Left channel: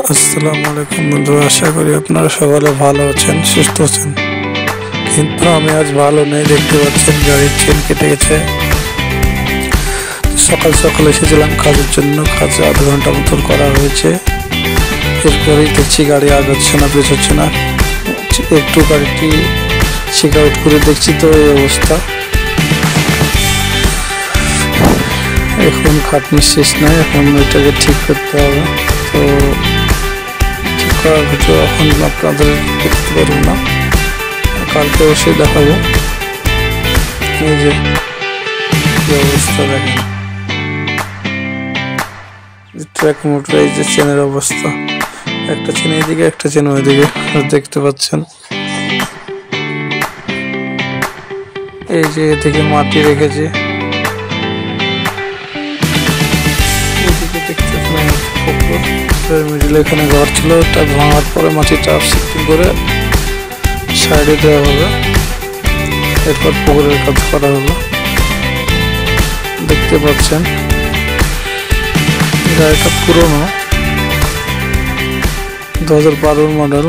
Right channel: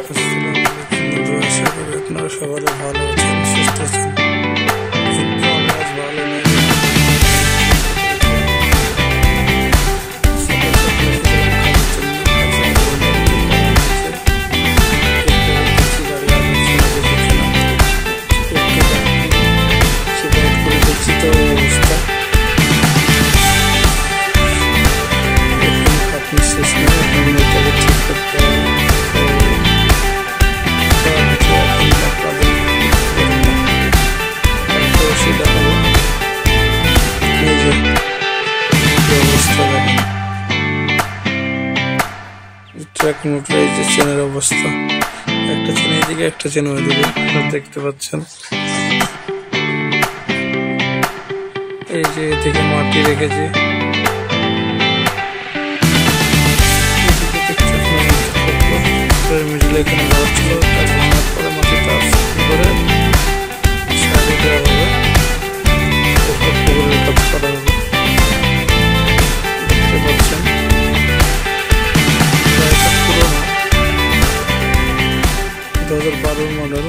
আসসালামু আলাইকুম বন্ধু, আশা করি আপনারা সকলে ভালো আছেন, সুস্থ আছেন। কিন্তু আমি আজ ভালো নেই, দেখতে পাচ্ছেন গাড়ির চেন কেটে গেছে। সকাল সকাল এসেছিলাম কাজের জন্য, কাজ 8 ঘন্টা মতন করা হয়েছে। এরপরেই দেখছি গাড়ি আগাচ্ছে না, পেছাচ্ছে না। একটু গাড়িটি চেক আউট করে দেখছি তো এই অবস্থা। এখন খাটনি শেষ নয়, এখন এটাকে ঠিক করতে হবে। তো ভিডিও এখন আপনাদের দেখতে পারেন না, কালকে অবশ্যই দেখাবো। এই যে কি অবস্থা দেখেন, ট্র্যাক মোটর, এই যে চেনের অবস্থা, একটা চেন এইদিকে একটা চেন ওইদিকে দেখতে পাচ্ছেন। এই যে এদিকে মাটি রেখেছে, এদিকে দেখতে পাচ্ছেন মিডিলে এখানে ঘর ছিল, এটা ভাঙার পরে মাটিটা সিদ্ধি করে সাইডে দেওয়া হবে, এরপর পুকুরের কাজ করা হবে। দেখতে পাচ্ছেন গাড়িটা পুরোনো, 2012 মডেল।